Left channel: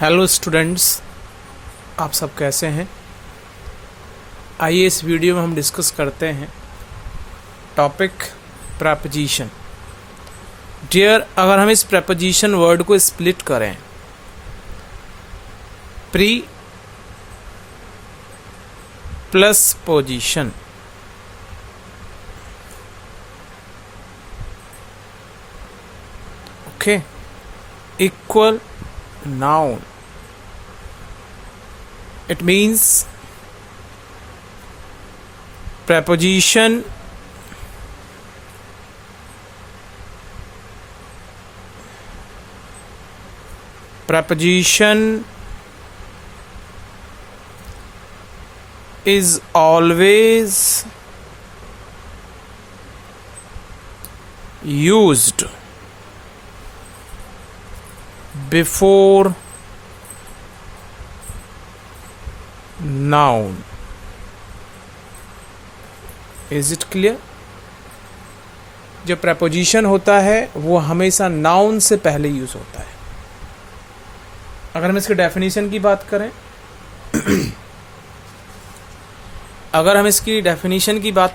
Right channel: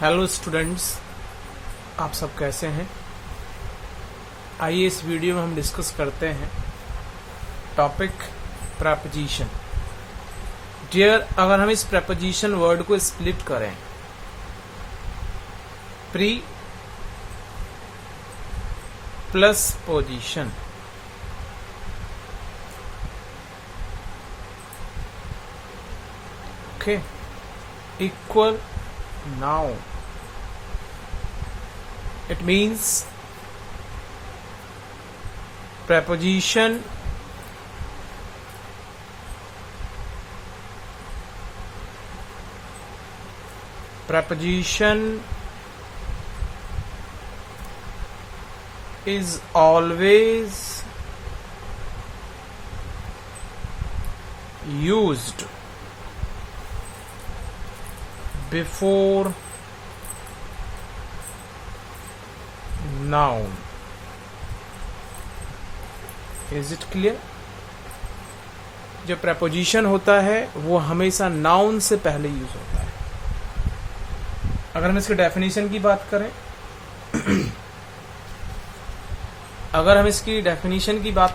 Hello students, आप सब कैसे हैं। आइए इस वीडियो में हम डिस्कस करते हैं टॉपिक प्रेपोजिशन। डियर, अगर हम इस प्रेपोजिशन वर्ड को स्प्लिट करें, pre plus position, okay, equal noun, it means preposition is always used before noun. Is it clear? जो preposition होता है वो हमेशा noun से पहले यूज होता है। अगर हम इसकी डेफिनेशन की बात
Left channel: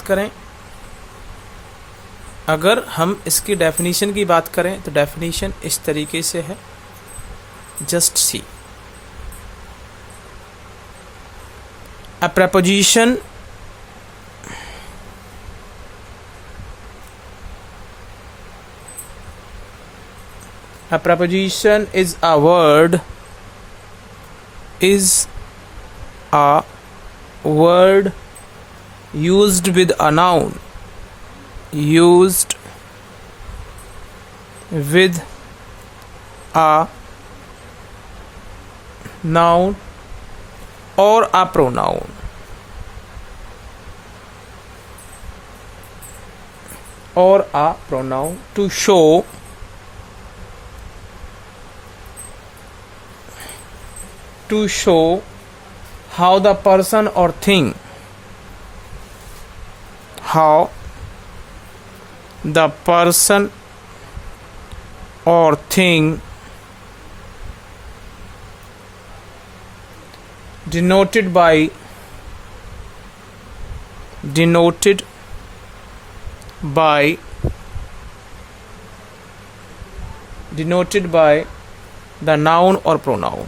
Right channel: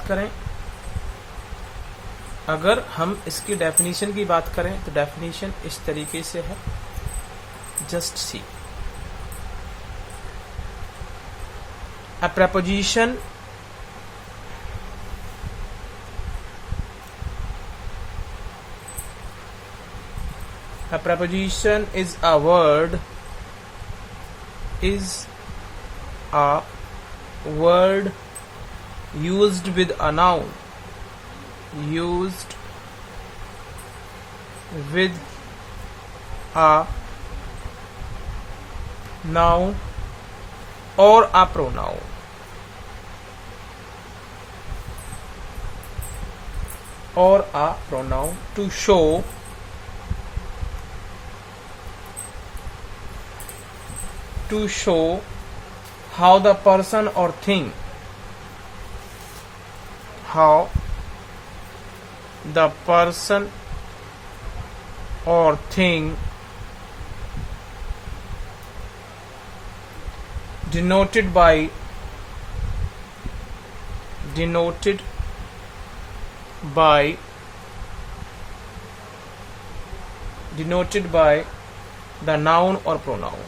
करें अगर हम इसकी डेफिनेशन की बात करें तो डेफिनेशन इस तरीके से है, just see. A preposition is a word used with a noun, or a pronoun. To show how the person or thing denoted by the noun or pronoun.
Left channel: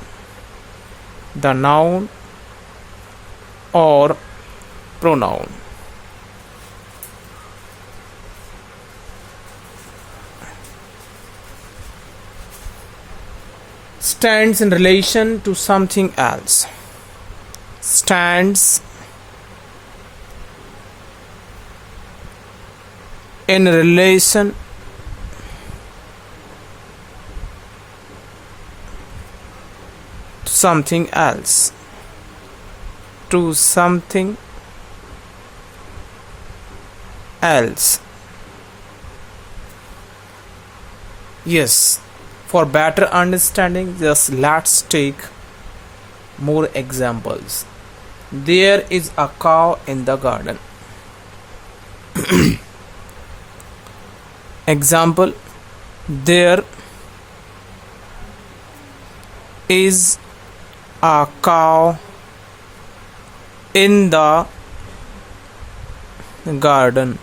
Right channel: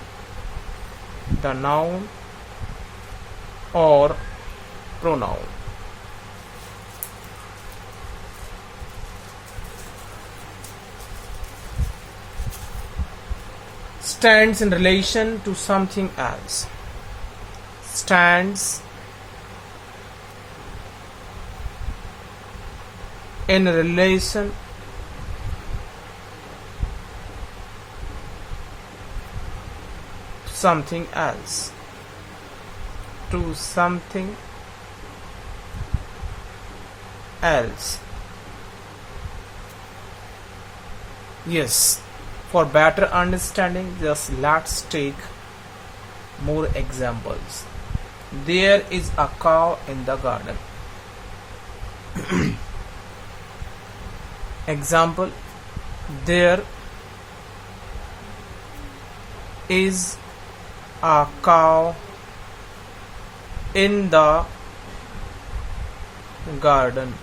Stands in relation to something else. Stands in relation to something else. Yes, for better understanding, just let's take more examples. There is a cow in the garden. Example: there is a cow in the garden.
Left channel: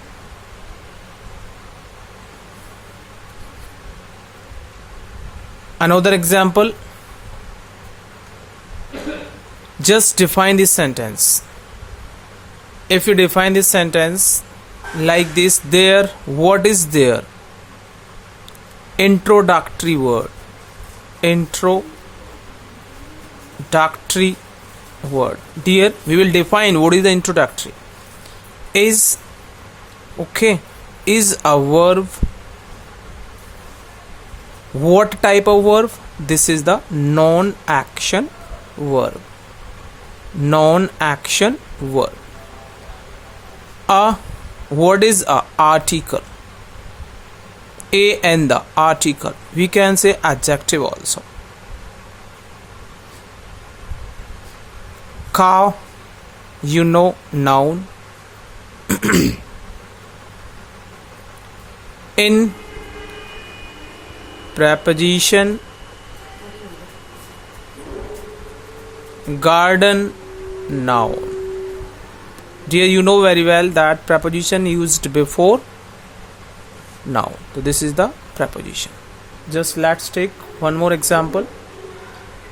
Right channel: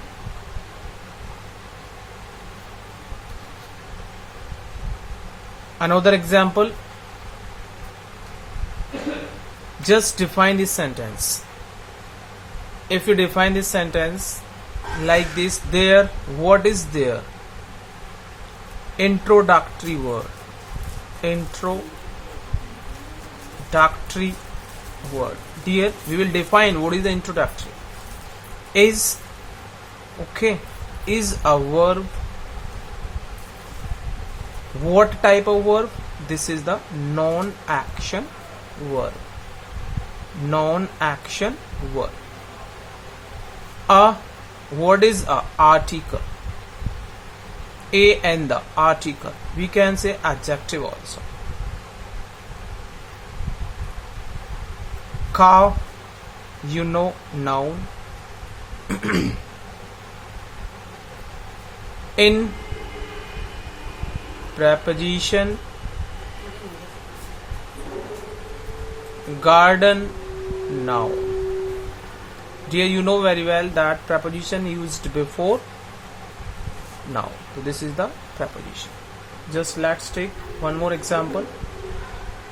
Another example: just define this sentence. If you define this sentence like this, there, what is there? Introductory word. Dear, we will define what is the introductory. Is a verb. What type of verb? This is the non-action verb. What is a article? And the article. We can say adjective also. Cow, noun. In, preposition garden, noun. Dear, you know very well that preposition used before noun. So this is the preposition. Just let's take one more example.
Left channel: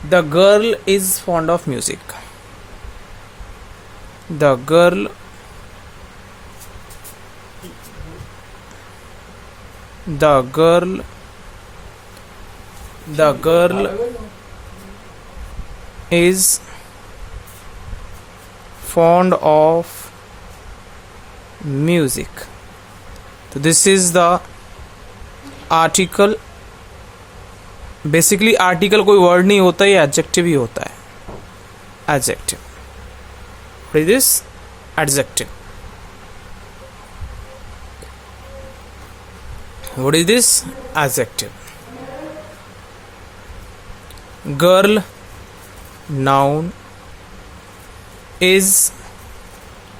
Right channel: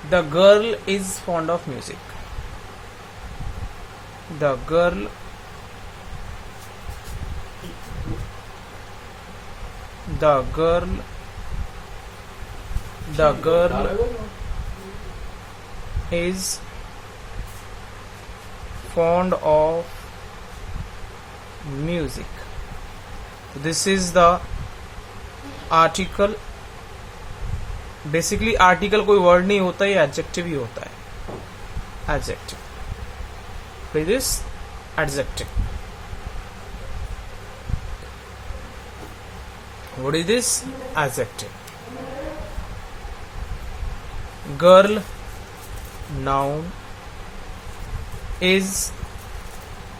The girl is fond of music. The girl is fond of music. So this is the article. Basically article कोई word नहीं होता, ये adjective ही होता है. Adjective. What is this? Adjective. What is this? Adjective. Girl, noun. Is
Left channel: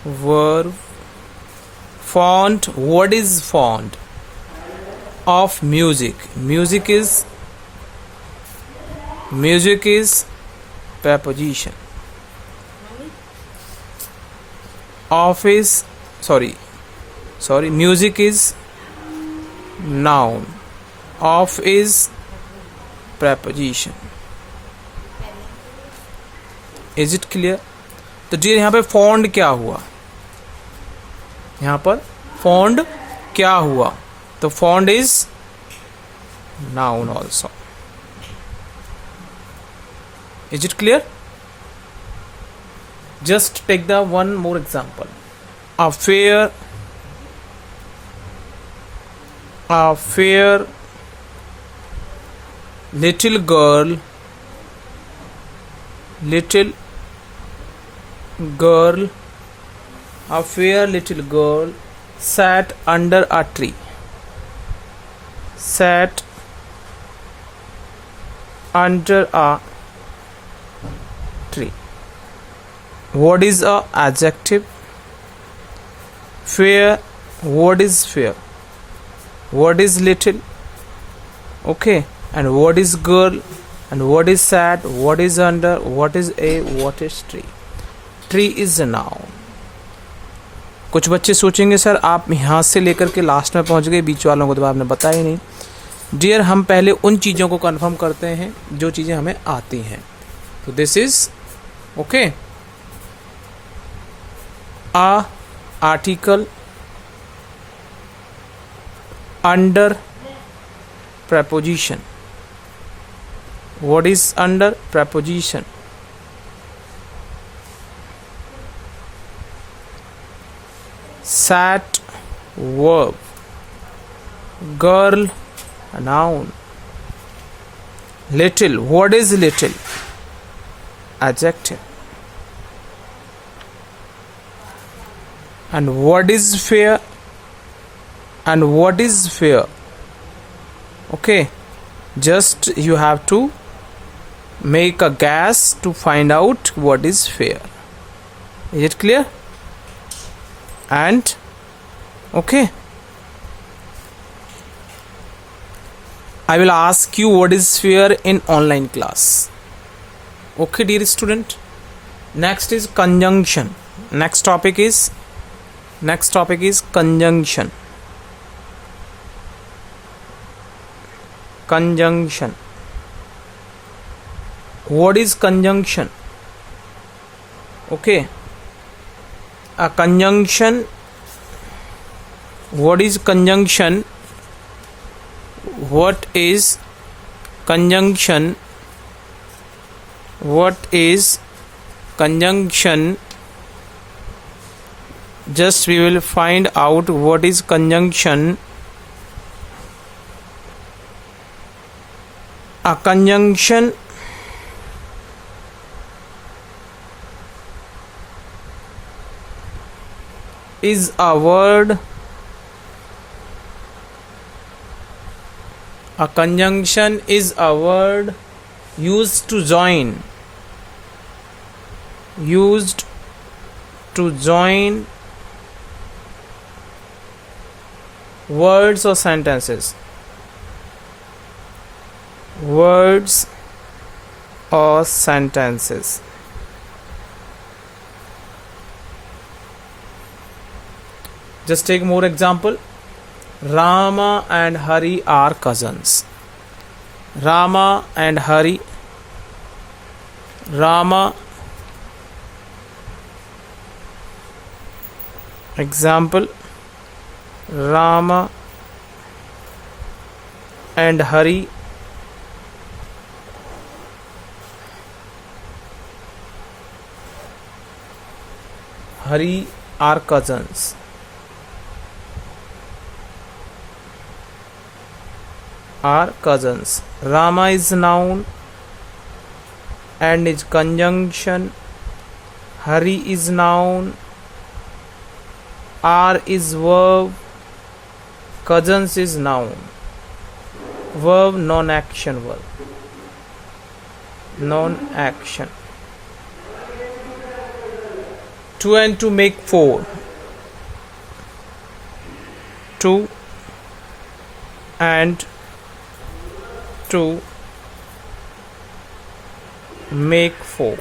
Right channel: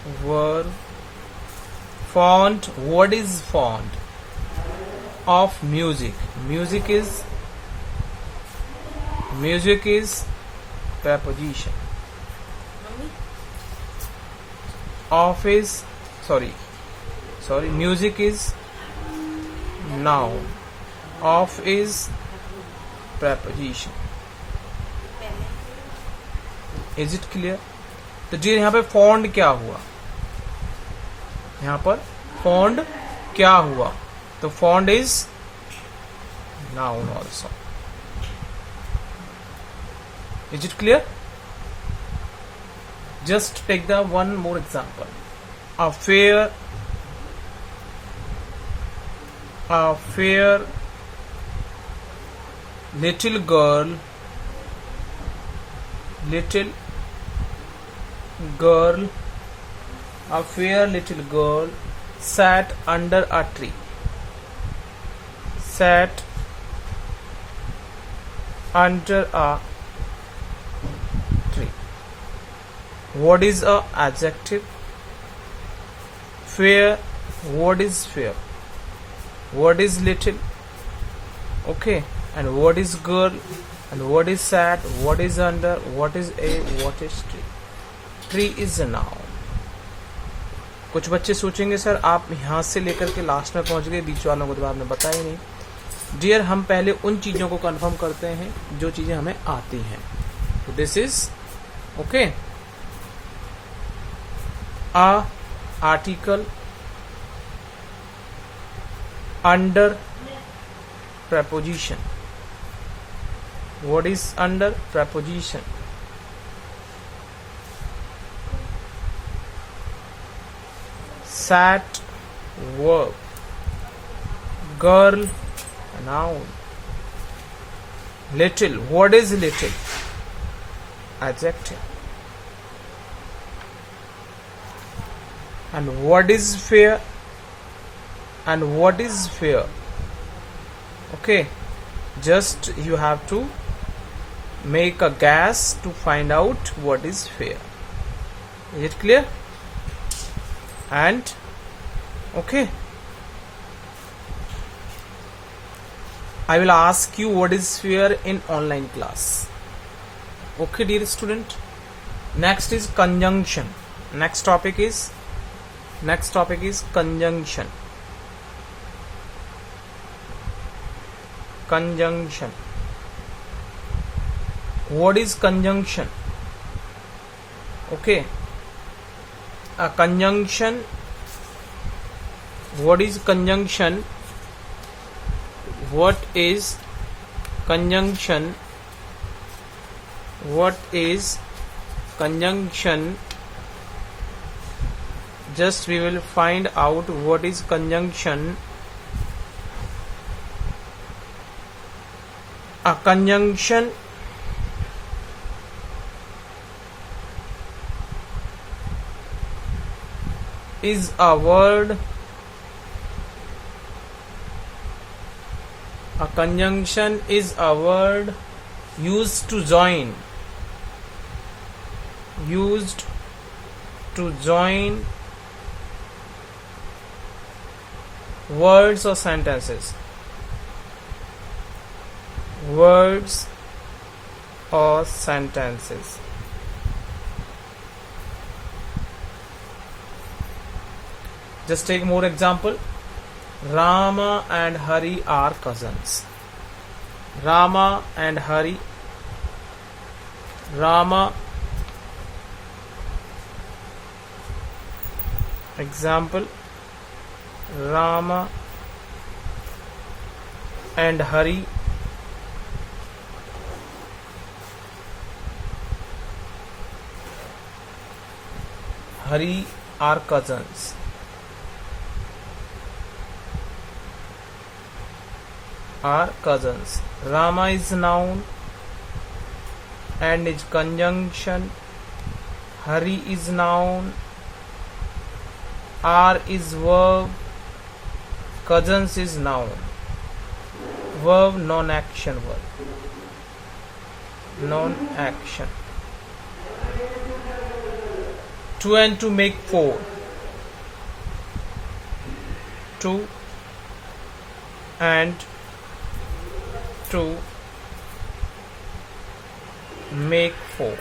verb. Fond. What is fond? Of music. Music is preposition. Of is music is noun. Of is preposition. Is it clear? तो जी यहाँ पे fond क्या हुआ? यहाँ पर fond क्या हुआ? तो fond is noun also. Is it clear? Just take the one more example. A fair little girl a fair little girl sat under a tree. Sat under a tree. What is a adjective? Fair. What is fair? What is little? Okay. And what is girl? And what is sat? What is under? What is a? What is tree? Tree is a noun. कुछ बच्चे सोचेंगे sir आप यहाँ से लेकर के last में पहुँच गए, बीच वालों को तो आपने बताया ही नहीं. डियर, हम पहले उन चीज़ों को कंफर्म करते हैं जो चीज़ें हमें आती हैं. तो this is okay. A article under preposition. What is under preposition? Sat, verb. Girl, noun. Little. What is little? Adjective. And what is fair? And what is fair? Okay, just you have to make a guess to find out what is fair. Is it clear? And okay, I will ask you what is fair in online class. Okay, dear student. Next is conjunction. Next topic is conjunction. Conjunction. What is conjunction? Okay. A conjunction. What is conjunction? What is conjunction? What is conjunction? Just we will find out what is conjunction. A conjunction is a word. A conjunction is a word used to join. Used to join words or sentences. Words or sentences. Just take more example. Rama and Hari are cousins. Rama and Hari. Rama. Example. Rama and Hari are cousins. Are cousins. Rama is noun and is conjunction. Hari is noun. Are is verb. Cousins is noun. Verb, non-action verb. Non-action. 2 and 2 make 4. 2 and 2 make 4.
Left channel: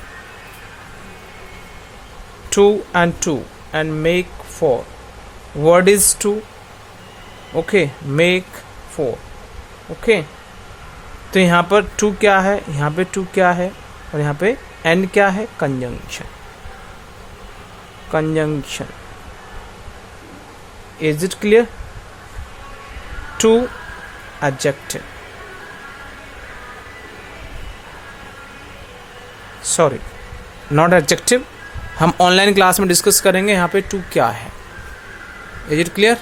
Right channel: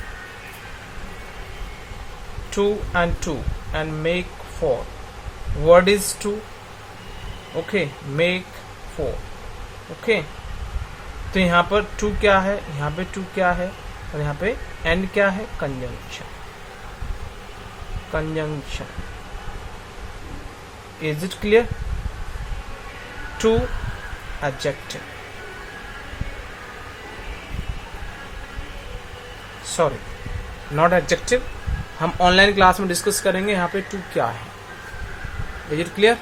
2 and 2 and make 4. Word is 2. Okay, make 4. Okay तो यहाँ पर 2 क्या है, यहाँ पे 2 क्या है, और यहाँ पे n क्या है, conjunction. Conjunction. Is it clear? 2 adjective. Sorry, not adjective. हम ऑनलाइन क्लास में डिस्कस करेंगे यहाँ पे 2 क्या है. Is it clear?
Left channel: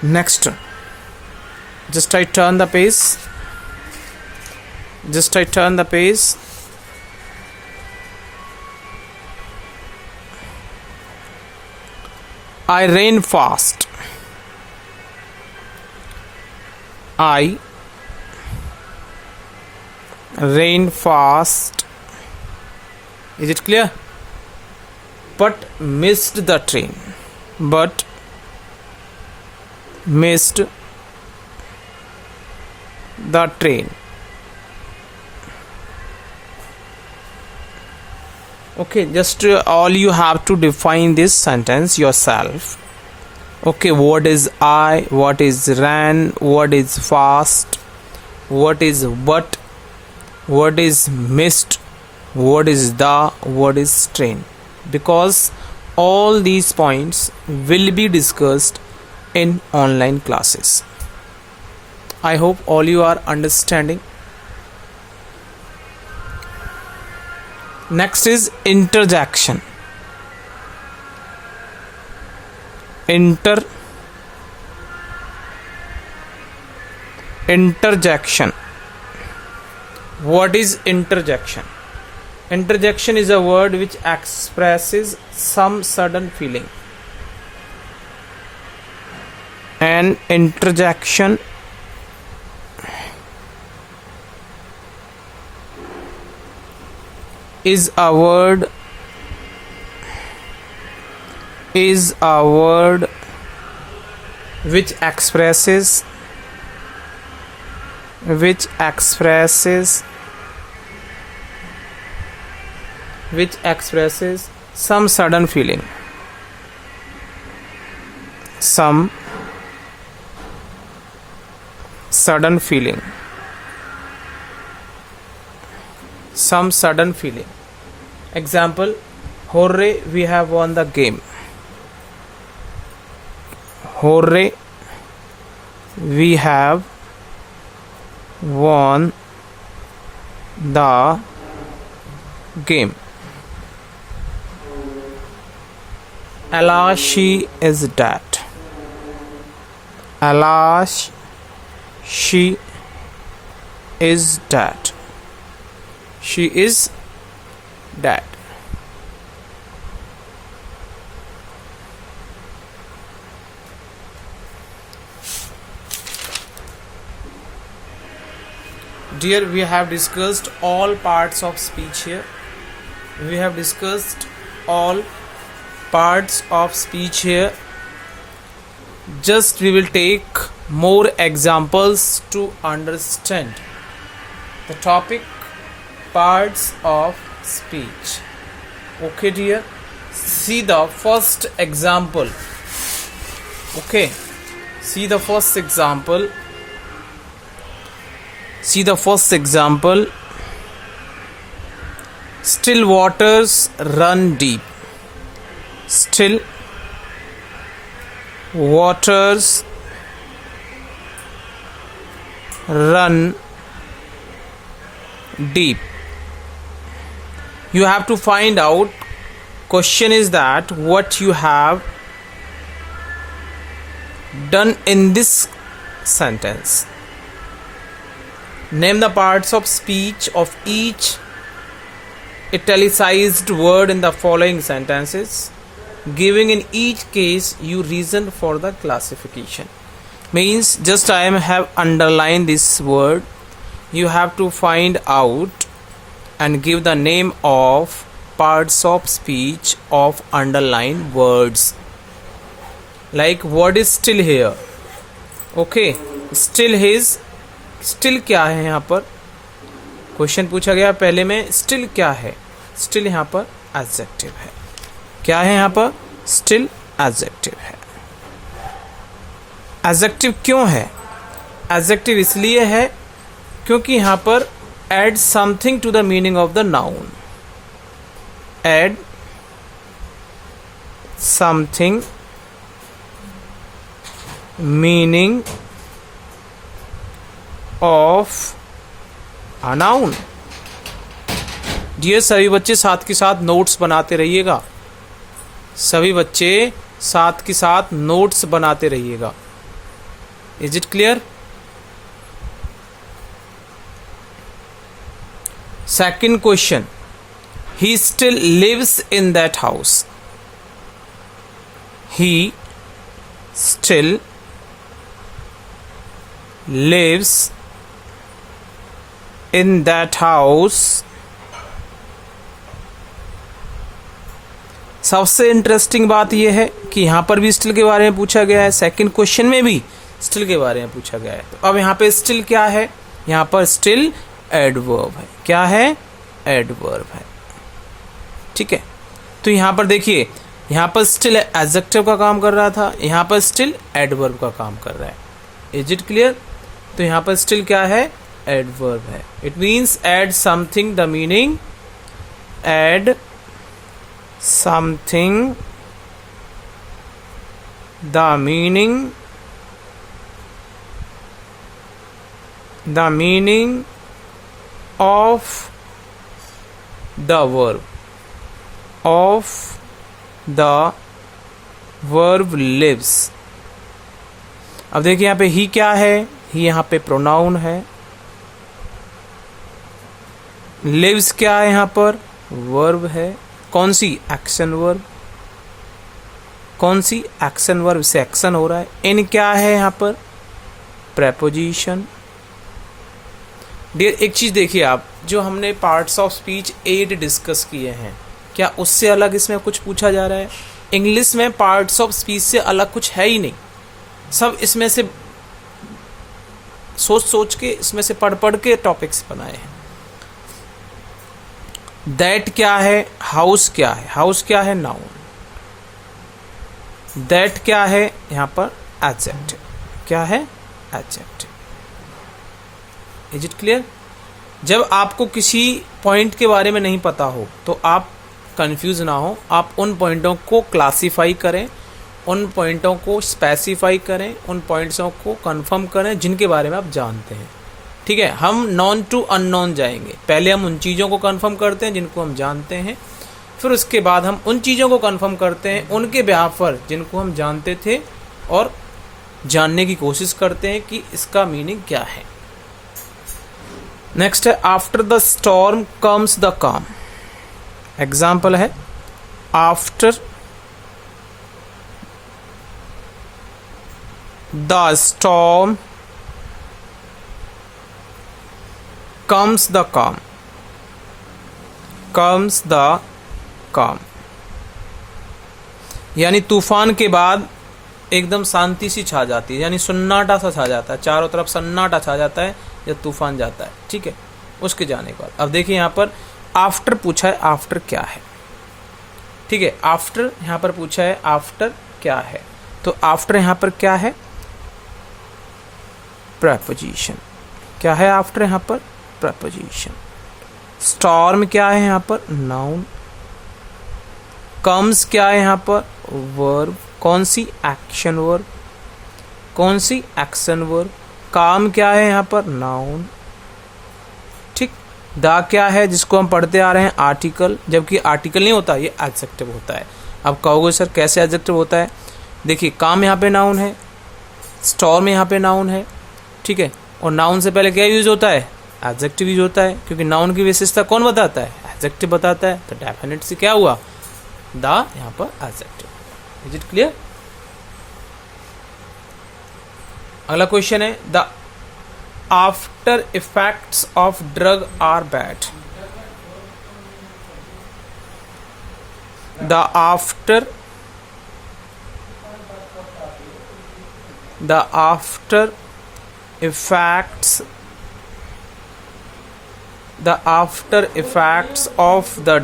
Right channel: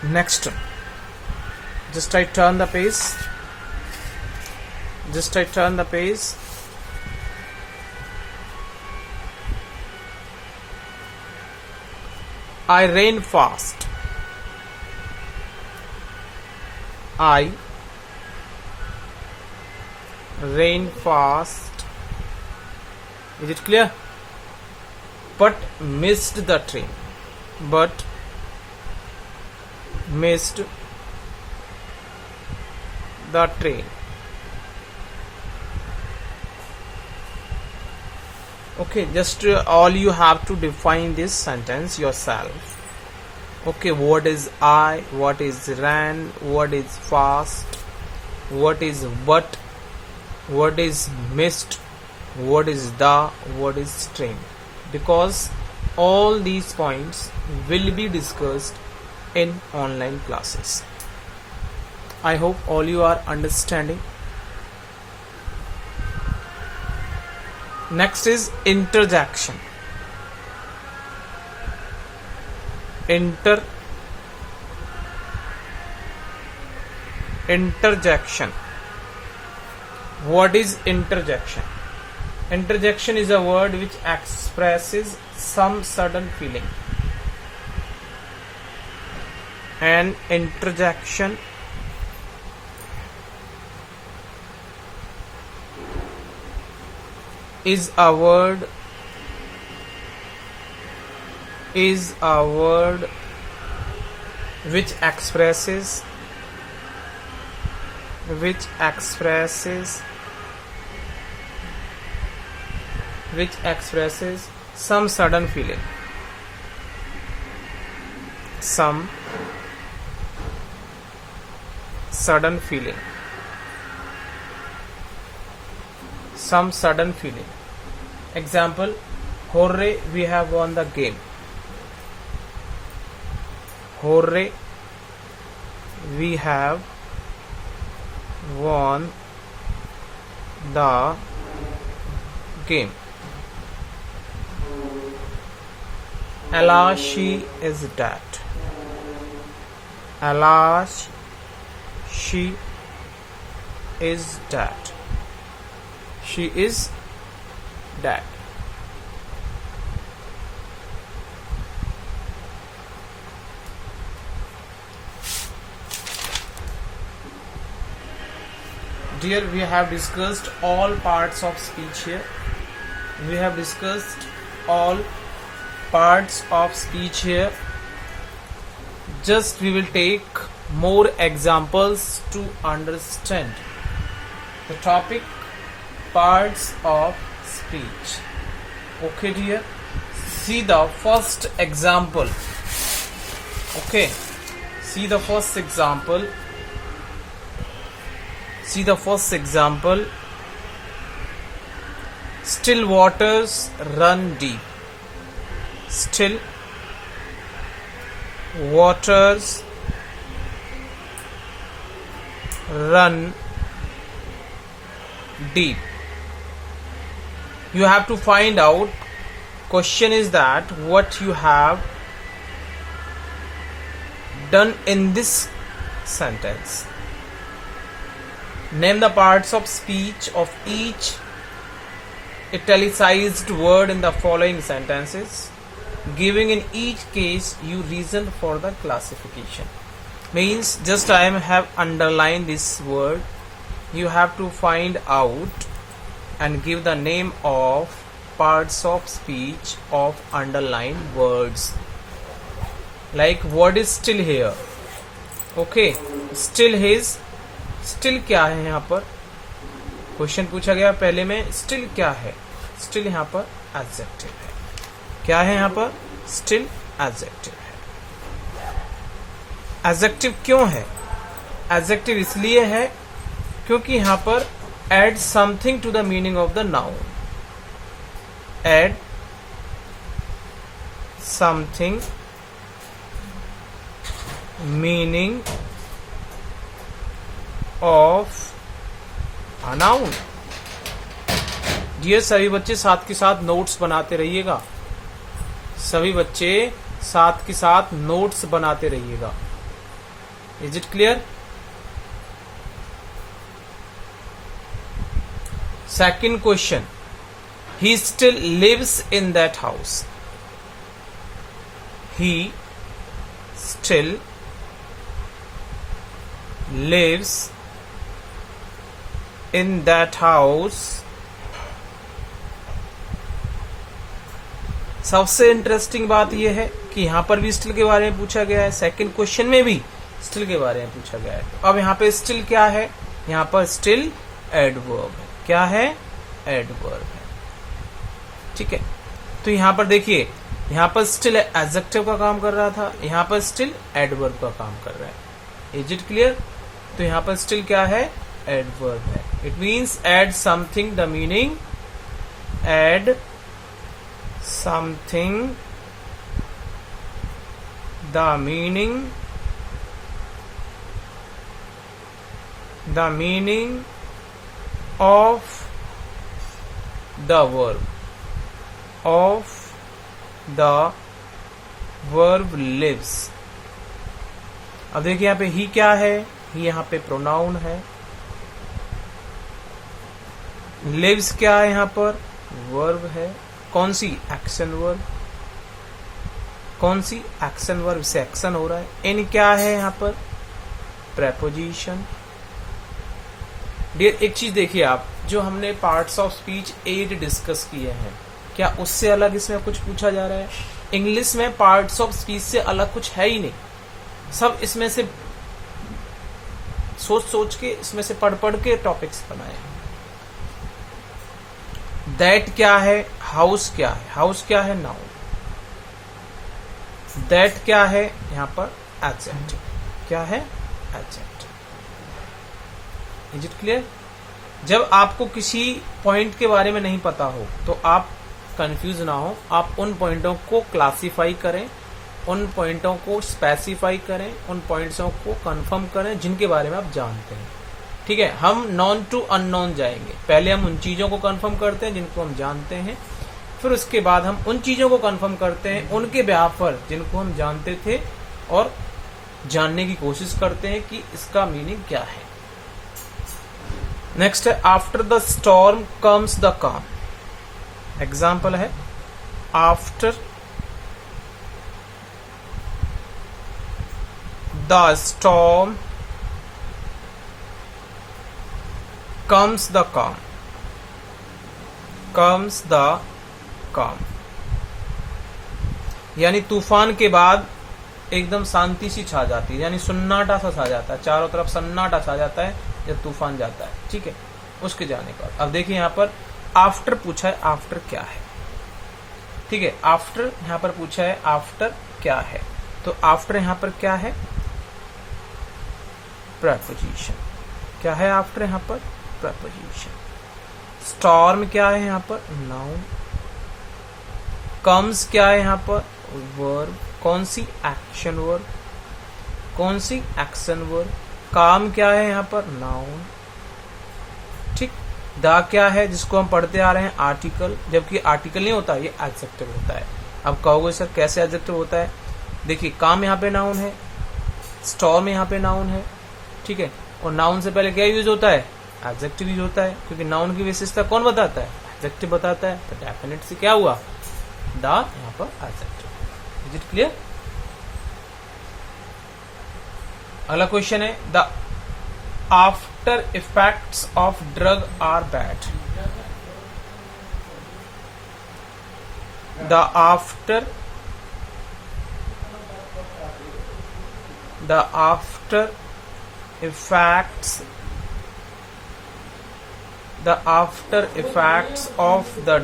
Next, just I turn the page. Just I turn the page. I ran fast. I ran fast. Is it clear? But missed the train. But missed the train. Okay, just all you have to define this sentence yourself. Okay, what is I, what is ran, what is fast, what is but, what is missed, what is the, what is train, because all these points will be discussed in online classes. I hope all you are understanding. Next is interjection. Interjection. What is interjection? Interjection is a word which expresses some sudden feeling. An interjection is a word which expresses some sudden feeling. Some sudden feeling. Example, hooray, we have won the game. Hooray, we have won the game. Alas, she is dead. Alas, she is dead. She is dead. Dear, we have discussed all parts of speech here. We have discussed all parts of speech here. Just we will take more examples to understand the topic parts of speech. Okay, dear. see the first example. Okay, see the first example. See the first example. Still waters run deep. Still waters run deep. You have to find out. Question is that what you have done in this sentence. Name the parts of speech of each italicized word in the following sentences, giving in each case you reason for the classification. Means just I have underlined this word. You have to find out and give the name of parts of speech of underlined words. Like what is still here? Okay, still his. Still क्या है यहाँ पर? Question पूछा गया पहले में, still क्या है? स्टिल यहाँ पर एडजेक्टिव है. क्या है यहाँ पर? स्टिल एडजेक्टिव है. एडजेक्टिव क्यों है? एडजेक्टिव इसलिए है क्योंकि यहाँ पर add something to the meaning of the noun. Add something meaning of a noun. Dear सभी बच्चे साथ के साथ नोट्स बनाते रहिएगा. सभी बच्चे साथ के साथ नोट्स बनाते रहिएगा. Is it clear? Second question. He still lives in that house. He still lives in that house. सबसे इंटरेस्टिंग बात यह है कि यहां पर भी स्टिल के बारे में पूछा गया है. सेकंड क्वेश्चन में भी स्टिल के बारे में पूछा गया है. तो अब यहां पे स्टिल क्या है? यहां पर स्टिल एडवर्ब है. क्या है? एडवर्ब है. ठीक है. तो यहां पर देखिए, यहां पर स्टिल एडजेक्टिव का काम कर रहा था, यहां पर स्टिल एडवर्ब का काम कर रहा है. Is it clear? तो यहां पर स्टिल क्या है? एडवर्ब है. It means add something the meaning. Add something the meaning. The meaning of the verb. Of the verb lives. अब देखिए यहां पे ही क्या है? ही यहाँ पे प्रोनाउन है. लिव्स क्या है? यहाँ पर वर्ब है. कौन सी? Action verb. कौन सी? एक्शन वर्ब से एक्शन हो रहा है. इन क्या है? यहाँ पर प्रेपोजिशन. डियर एक चीज देखिए आप, जो हमने पार्ट्स ऑफ स्पीच 8 डिस्कस किए हैं, क्या उससे अलग इसमें कुछ पूछा जा रहा है? इंग्लिश में पार्ट्स ऑफ स्पीच से अलग कुछ है ही नहीं. सब इसमें से सोच सोच के, इसमें से पढ़ पढ़ के टॉपिक्स बनाए हैं. दैट क्या है? हाउस क्या है? हाउस क्या है? नाउन. दैट क्या है? यहां पर एडजेक्टिव. क्या है? एडजेक्टिव. Is it clear? जब आपको किसी पॉइंट के बारे में नहीं पता हो तो आप कंफ्यूज ना हो. आप उन पॉइंटों को क्लासिफाई करें, उन पॉइंटों को स्पेसिफाई करें, उन पॉइंट्सों को कंफर्म करें जिनके बारे में आप जानते हैं. ठीक है. हम नॉन टू अननोन जाएंगे. पहले हम उन चीज़ों को कंफर्म करते हैं जिनको हम जानते हैं, फिर उसके बाद हम उन चीज़ों को कंफर्म करते हैं उनके बिहाफ पर जिनको हम जानते थे, और जानने की कोशिश करते हैं कि इसका मीनिंग क्या है. नेक्स्ट है after the storm comes the काम. एग्जाम्पल है after the storm comes the calm. comes the calm यानी तूफान के बाद एकदम शांति सी छा जाती है, यानी सन्नाटा सा छा जाता है, चारों तरफ सन्नाटा छा जाता है जब तूफान जाता है. ठीक है. उसके जाने के बाद अब देखिए यहाँ पर आफ्टर पूछा है. आफ्टर क्या है? ठीक है। आफ्टर यहाँ पर पूछा है, आफ्टर क्या है, तो आफ्टर यहाँ पर क्या है, प्रेपोजिशन। क्या है आफ्टर यहाँ पर, प्रेपोजिशन। स्टॉर्म क्या है यहाँ पर, नाउन। कम्स क्या है यहाँ पर, वर्ब। कौन सी, एक्शन वर्ब। कौन सी, एक्शन वर्ब। काम क्या है यहाँ पर, नाउन। ठीक। द क्या है, जिसको हम पढ़ते आ रहे हैं, आर्टिकल, जबकि आर्टिकल नहीं होता, ये एडजेक्टिव होता है। अब कहोगे सर कैसे एडजेक्टिव होता है, देखिए काम यहाँ पे नाउन है, स्टॉर्म यहाँ पे नाउन है, ठीक है, और नाउन से पहले क्या यूज होता है, एडजेक्टिव यूज होता है, क्योंकि नाउन की विशेषता कौन बताता है, एडजेक्टिव बताता है, तो डेफिनेट से क्या हुआ, द यहाँ पर एडजेक्टिव। Is it clear. अगला क्वेश्चन है, the after effects of drug are bad. The after effects of the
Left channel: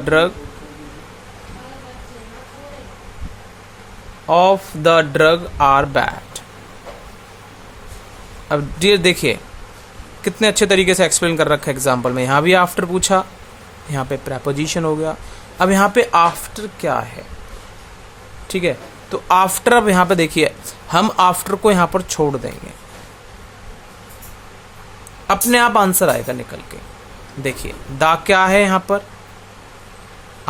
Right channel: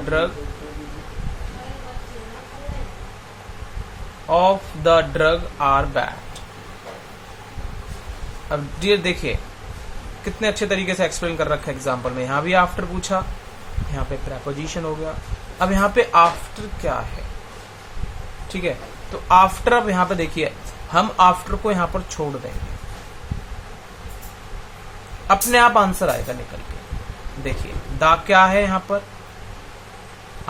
drug are bad। अब डियर देखिए कितने अच्छे तरीके से एक्सप्लेन कर रखा है एग्जाम्पल में। यहाँ भी आफ्टर पूछा, यहाँ पे प्रेपोजिशन हो गया। अब यहाँ पे आफ्टर क्या है, ठीक है, तो आफ्टर, अब यहाँ पे देखिए हम आफ्टर को यहाँ पर छोड़ देंगे, अपने आप आंसर आएगा निकल के। देखिए द क्या है यहाँ पर,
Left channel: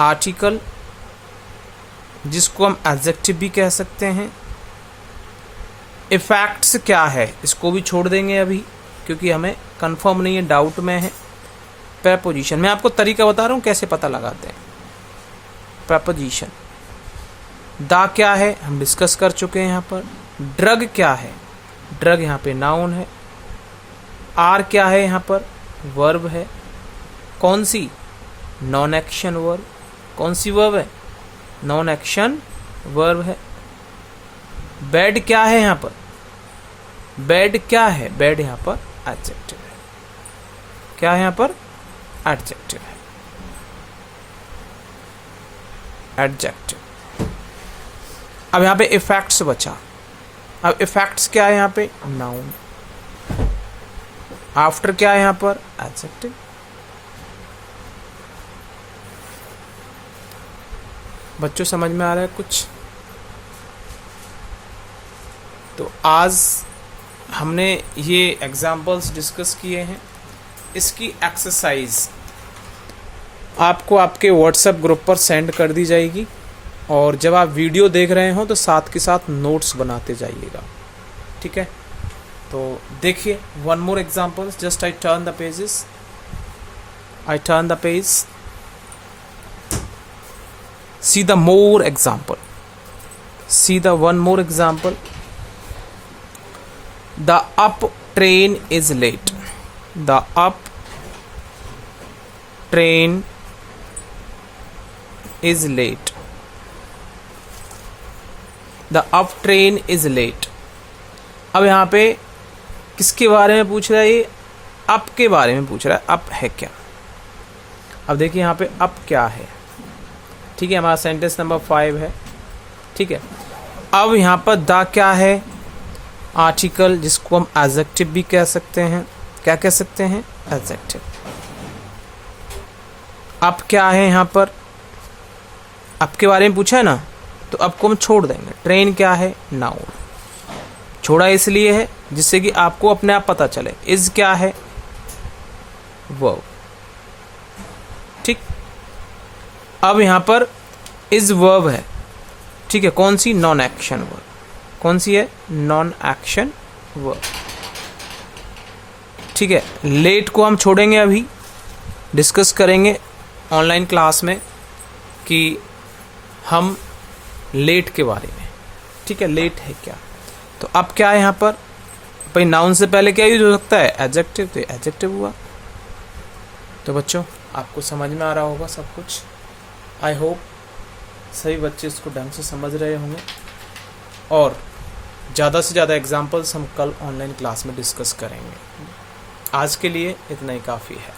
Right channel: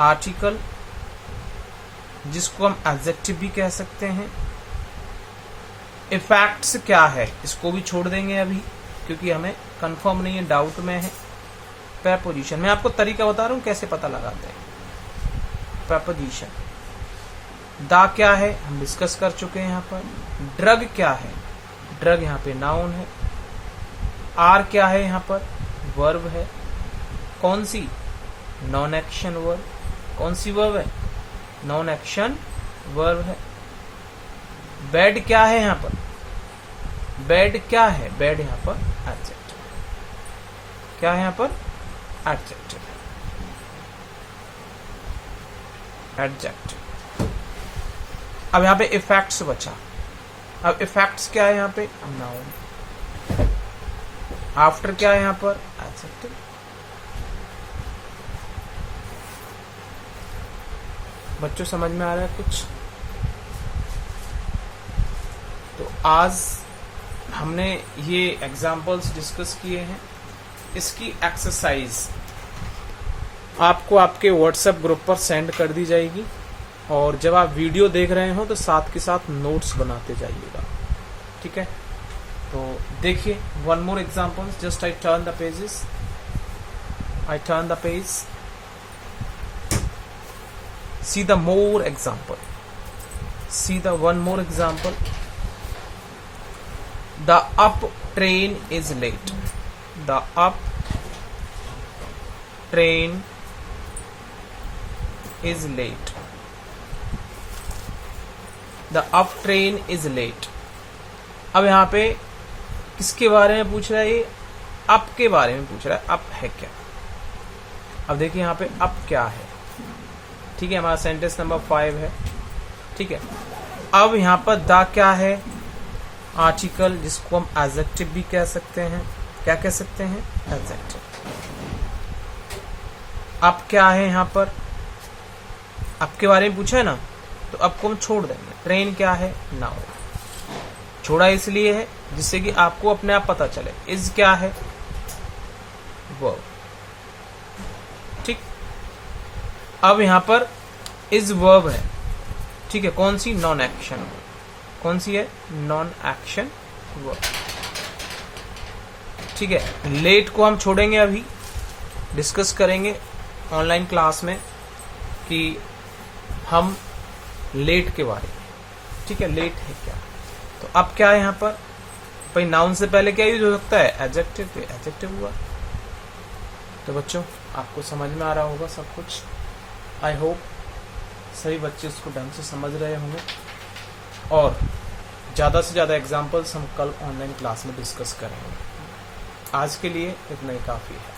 आर्टिकल, जिसको हम एडजेक्टिव भी कह सकते हैं। इफेक्ट्स क्या है, इसको भी छोड़ देंगे अभी, क्योंकि हमें कंफर्म नहीं है, डाउट में है। प्रेपोजिशन, मैं आपको तरीका बता रहा हूं कैसे पता लगाते हैं। प्रेपोजिशन, द क्या है हम डिस्कस कर चुके हैं यहाँ पर। ड्रग क्या है, ड्रग यहाँ पे नाउन है। आर क्या है यहाँ पर, वर्ब है। कौन सी, नॉन एक्शन वर्ब। कौन सी वर्ब है, नॉन एक्शन वर्ब है। बैड क्या है यहाँ पर, बैड क्या है, बैड यहाँ पर एडजेक्टिव है। क्या है यहाँ पर, एडजेक्टिव है, एडजेक्टिव। अब यहाँ पे इफेक्ट्स बचा। अब इफेक्ट्स क्या है यहाँ पे, नाउन। आफ्टर क्या है यहाँ पर, एडजेक्टिव। बच्चों समझ में आ रहा है कुछ। तो आज हमने ये एग्जाम्पल्स डिस्कस किए हैं। इसकी एक्सरसाइज आपको आपके व्हाट्सएप ग्रुप पर सेंड कर दी जाएगी, और जब आप वीडियो देख रहे हो तो साथ के साथ नोट्स बनाते जाइएगा, ठीक है। तो देखिए one more examples, just I turn the pages, I turn the page, see the more example, see the one more example. The up train is late. The up train is late. The up train is late. अब यहाँ पे किसके बारे में पूछ रहा है, ये अप के बारे में पूछ रहा है। अप है क्या, अब देखिए यहाँ पे अप क्या है, ठीक है, हमारा सेंटेंस नंबर 5 है, ठीक है। अब यहाँ पर द क्या है, आर्टिकल, जिसको हम एडजेक्टिव भी कह सकते हैं। क्या कह सकते हैं, एडजेक्टिव। अब क्या है यहाँ पर, अब के बारे में पूछा है ना, तो अब को हम छोड़ देंगे। ट्रेन क्या है, नाउन। छोड़ा इसलिए है जिससे कि आपको अपने आप पता चले। इज क्या है, वर्ब, ठीक। अब यहाँ पर इज वर्ब है, ठीक है, कौन सी, नॉन एक्शन वर्ब। कौन सी है, नॉन एक्शन वर्ब, ठीक है। लेट को हम छोड़ेंगे, अभी डिस्कस करेंगे ऑनलाइन क्लास में कि हम लेट के बारे में, ठीक है, लेट है क्या। तो अब क्या है यहाँ पर, भाई नाउन से पहले क्या यूज हो सकता है, एडजेक्टिव, तो एडजेक्टिव हुआ। तो बच्चों आपको समझ में आ रहा होगा सब कुछ। आई होप सभी बच्चे उसको ढंग से समझ रहे होंगे, और ज़्यादा से ज़्यादा एग्जाम्पल्स हम कल ऑनलाइन क्लास में डिस्कस करेंगे। आज के लिए इतना ही काफ़ी है।